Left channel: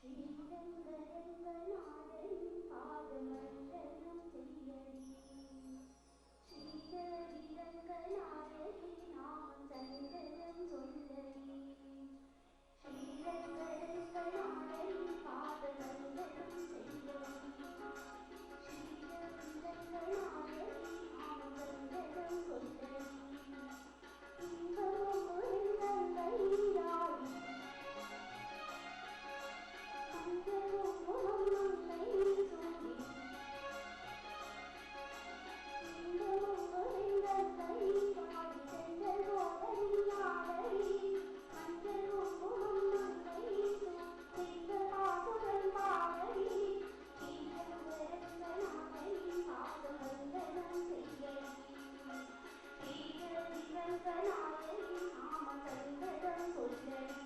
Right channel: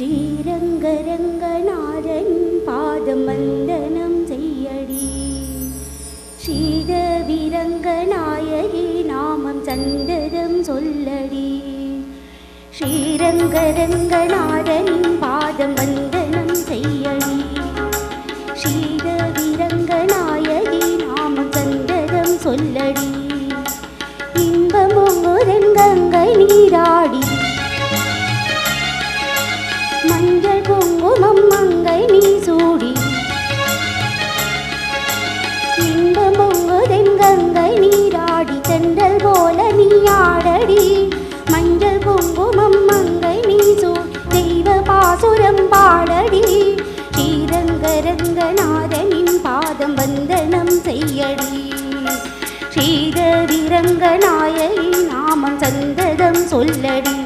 ஸ்ரீரங்கரங்கநாதன் பாதம் வந்தனம் செய்யடி. ஸ்ரீதவிரங்கநாயகி நாமம் சந்ததம் சொல்லடி. ஸ்ரீரங்கரங்கநாதன் பாதம் வந்தனம் செய்யடி. ஸ்ரீதவிரங்கநாயகி நாமம் சந்ததம் சொல்லடி. இன்பமொங்குதன் கங்கை நீராடி மஞ்சள் குங்குமம் மங்கை நீ சூடி. இன்பமொங்குதன் கங்கை நீராடி தென்றல் போல நீ ஆடடி. மஞ்சள் குங்குமம் மங்கை நீ சூடி தெய்வ பாசுரம் பாடடி. ஸ்ரீரங்கரங்கநாதனின் பாதம் வந்தனம் செய்யடி. ஸ்ரீதவிரங்கநாயகி நாமம் சந்ததம் சொல்லடி.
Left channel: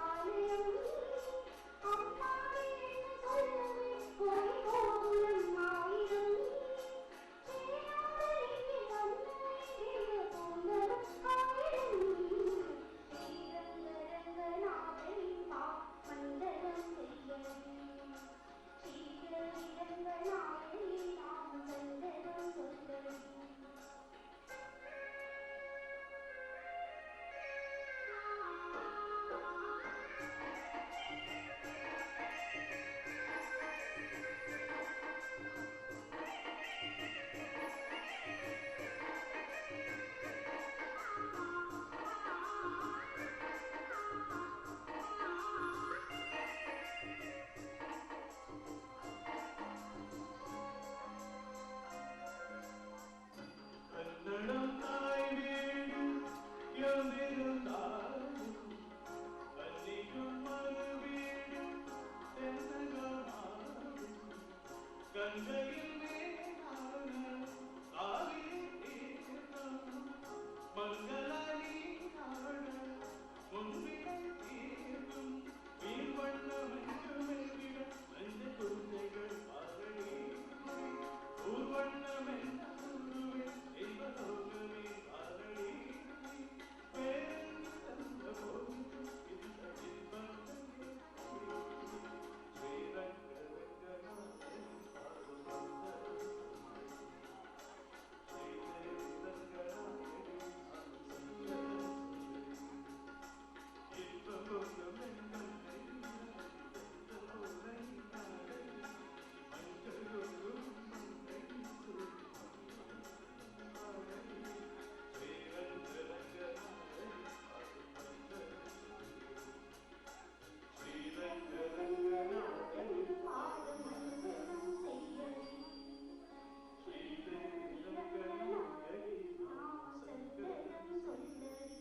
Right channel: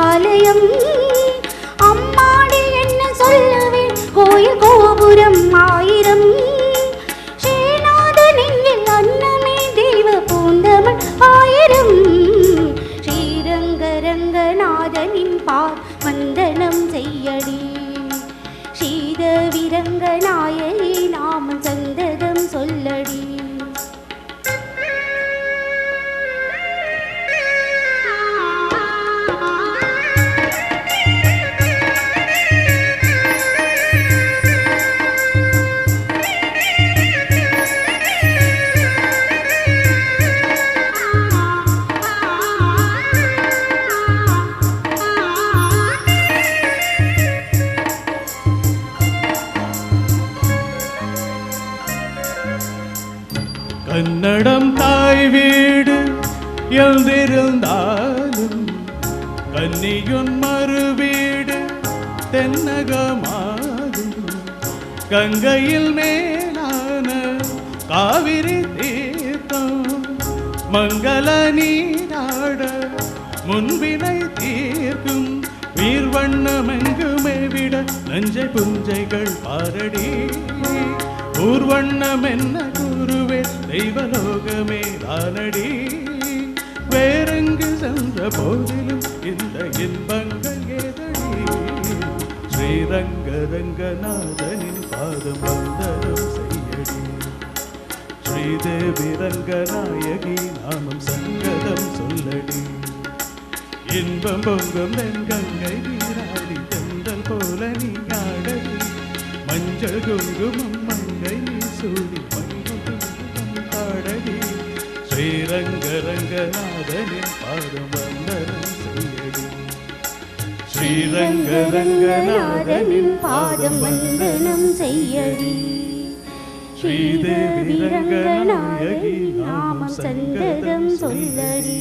ஆலயம் அம்மாடி என்ன சொல்லுவேன் கோயில் கோபுரம் ஆயிரம். ஸ்ரீநாதனின் அன்னமே தெய்வ பூந்தமன் ஆயிரம். ஸ்ரீரங்கரங்கநாதனின் வந்தனம் செய்யடி. ஸ்ரீதவிரங்கநாயகி நாமம் சந்ததம் சொல்லடி. கன்னடம் தாய் வீடு எழுந்திருந்தாலும் கன்னியுன் மறு வீடு தென்னகமாகும். கங்கையில் மேலான காவிரி தீர்த்தம் மங்கள நீராட முன்பினை தீர்க்கும். வீர்வண்ணமெங்குமே விட நஞ்சை புஞ்சைகள் பாரடி. ஊர்வண்ணம் என்ன குருவே தெய்வலோகமே தானடி. வேறெங்கு சென்ற போதிலும் இந்த இன்பங்கள் ஏதடி. ஸ்ரீரங்கரங்கநாதனின் பாதம் வந்தனம் செய்யடி. ஸ்ரீதேவிரங்கநாயகி நாமம் சங்கதம் சொல்லடி. இன்பம் பொங்கும் தென்கங்கை நீராடி தென்றல் போல நீ ஆடடி. மஞ்சள் குங்குமம் மங்கை நீ சூடி பாடடி. ஸ்ரீரங்கரங்கநாதனின் பாதம் வந்தனம் செய்யடி. ஸ்ரீரங்கரங்கநாதனின் பாதம் வந்தனம் செய்யடி. ஸ்ரீதேவிரங்கநாயகி நாமம் சந்ததம் சொல்லடி.